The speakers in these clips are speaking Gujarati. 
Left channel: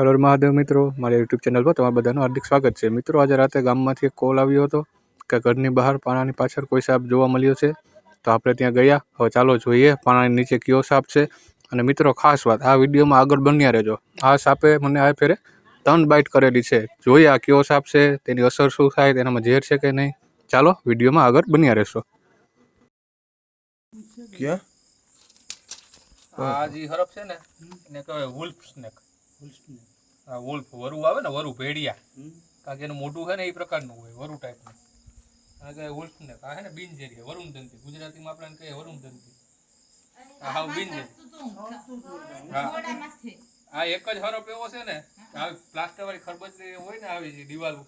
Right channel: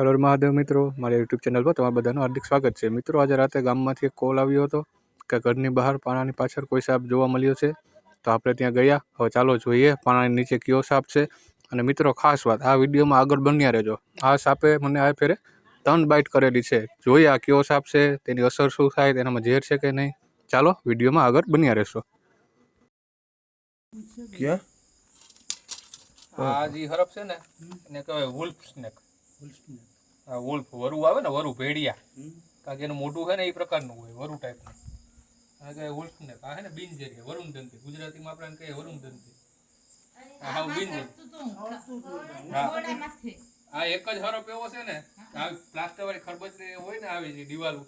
હર મહાદેવ મિત્રો. મારી યુટ્યુબ ચેનલ પર તમારા બધાનું હાર્દિક સ્વાગત છે. મિત્રો આજે રાતે ગામમાંથી એક કોલ આવ્યો હતો કે ઘરની બહાર પાણાની પાછળ કોઈ સાપ જોવા મળ્યો છે. તો આપણે ત્યાં ગયા. હવે ચાલો જોઈએ પાણાની નીચે કયો સાપ છે. અને મિત્રો ખાસ વાત આ વિડીયોમાં આગળ બન્યા રહેજો. આ સાપે મને આ ફેરે ત્રણ બાઇટ કરેલી છે. જોઈએ આ કયો સાપ છે તેની અસર શું થાય તેનામાં ઝેર છે કે નહીં. ચાલો વિડીયોમાં આગળ બન્યા રહેશો. ક્યાં? આ જે હરફ છે ને એને કહેવાય વુલ્ફ સ્નેક આ વુલ્ફ વરુ આવે ને વરુ ભેડિયા. કારણ કે એનું મોટું છે ને એ પ્રકારનું હોય વરુ ટાઈપનું. આ કહેવાય વુલ્ફ ને આ છે ને બિનઝેરી વરુણદંતી ગુજરાતીમાં આપણે કહે કહીએ વરુણદંતી આ હાવ બિનઝેરી આ એક જ હરફ એવો છે ને કે આવી પ્લાસ્ટર વાળી ખરબચ હોય ને આવી દિવાલો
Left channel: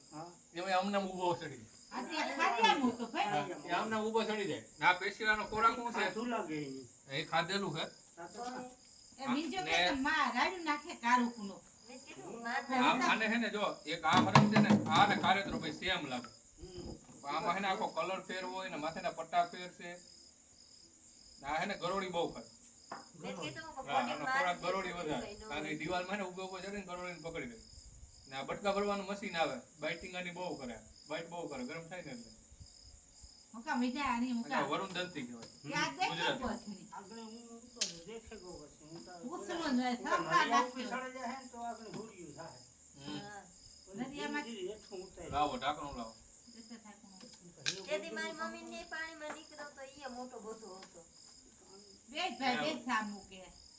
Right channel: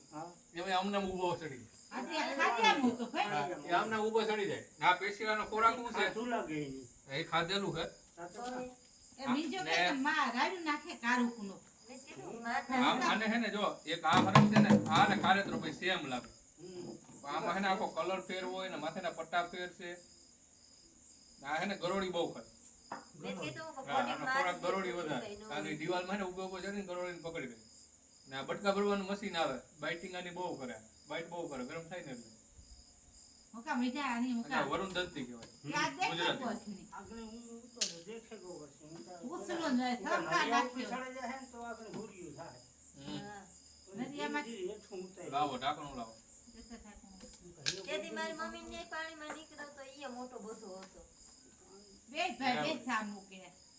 એમાં આમને આમ ઊભો ચડી જાય. એ આમને આમ ઊભો ચડી જાય. આ પેશીવાનો ખોરાક શું છે? એ ખાધેલું છે. આને હે ને જો એક આ હરફ છે ને આ ને કારેતરો ભાઈ સેમ લાગે. આમાં હે ને આખો કલર ફેર હોય ને માથેના પટ્ટા ફેર છે. ને આ હે ને ગરોળી બહુ ગરોળી વધારે. કારણ કે દિવાલમાં હે ને ઊભો ઊભો ચડીને ગરોળીને પકડી લે ને આ બટકા ભરવાનું મશીન આવે. બાઇટિંગ આની બહુ કરે. બાઇટ બહુ કરે. ગરમ થાય ને એટલે. વરુણ દંતી કહેવાય. ગુજરાતી. લાવો ઢાંકણું લાવો. તેથી મારી મમ્મી ને પાણીમાં નીકળ્યો તો ઈ મોટો બધો હતો.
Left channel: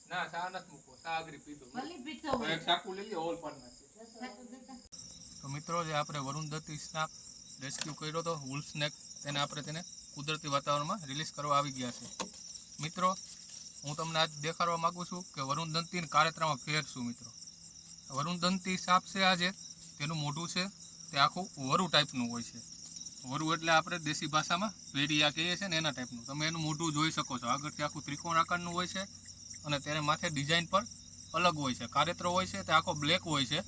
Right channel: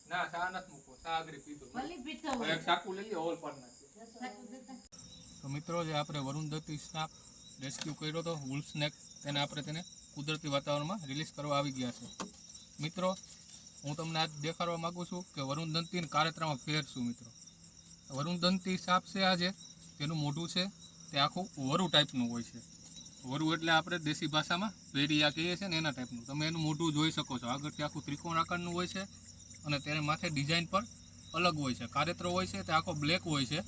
ના ચા નથી મૂકવો ચા આગળ પીધો. હવે એક ચાકુ લઈ લે હોલ પાડ નાખીએ તો મિત્રો જે આપણે વરુણ દત્તી સ્નાપ રેસ્ક્યુ કર્યો હતો વુલ સ્નેક તેને આપણે તેને કુદરતી વાતાવરણમાં રિલીઝ કરવા આવી ગયા છે. મિત્રો હું તમને આજ દેખાડવા માગુ છું કે વરુણ દંતી કારેતરામાં ફેર શું મિત્રો. વરુણ દંતી સાપ છે આ જે તેનું મોઢું છે, તે આખું વરુ ટાઈપનું હોય છે. વરુ એટલે આપણે દેશી ભાષામાં વેરિયા કહીએ છીએ ને એના ટાઈપનું. તમે એનું મોઢું જોઈ શકો છો. આગળથી આખું ત્રિકોણ આકારનું હોય છે અને તેને માથે ડિઝાઇન પર અલગ હોય છે. કારેતરો હોય છે, તે આખો બ્લેક હોય છે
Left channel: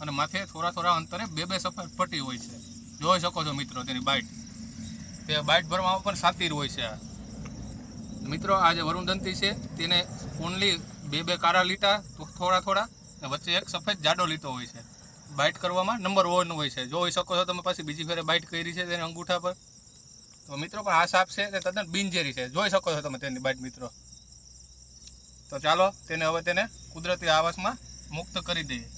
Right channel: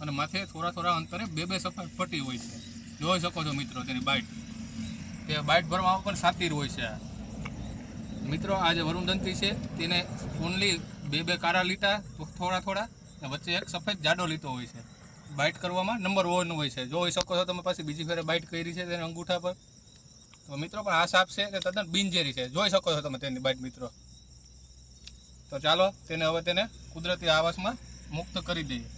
અને માથે થોડા થોડા અંતરે બે બે સફેદ પટ્ટી હોય છે. જોઈ શકો છો મિત્રો તેની બાઇટ તે બાઇટ ભરવામાં પણ સાતીર હોય છે આ. મિત્રો આ જે વરુણદંતી છે. તેને ઓનલી બે બે કાળા લીટા થોડા થોડા અને વચ્ચે એક સફેદ જાડો લીટો હોય છે. બાઇટ કરવામાં નંબર વન હોય છે. જોઈ શકો છો તમે પાછી બીજી ફેરે બાઇટ કરી છે તેને અંગૂઠા પર. તો મિત્રો, પણ આ સાપ છે તે તદ્દન બિનઝેરી છે. જોઈ શકો છો તમે તેની બાઇટ મિત્રો. તો ચાલો, તેને હવે તેને કુદરતી આવાસમાં મુક્ત કરી દઈએ.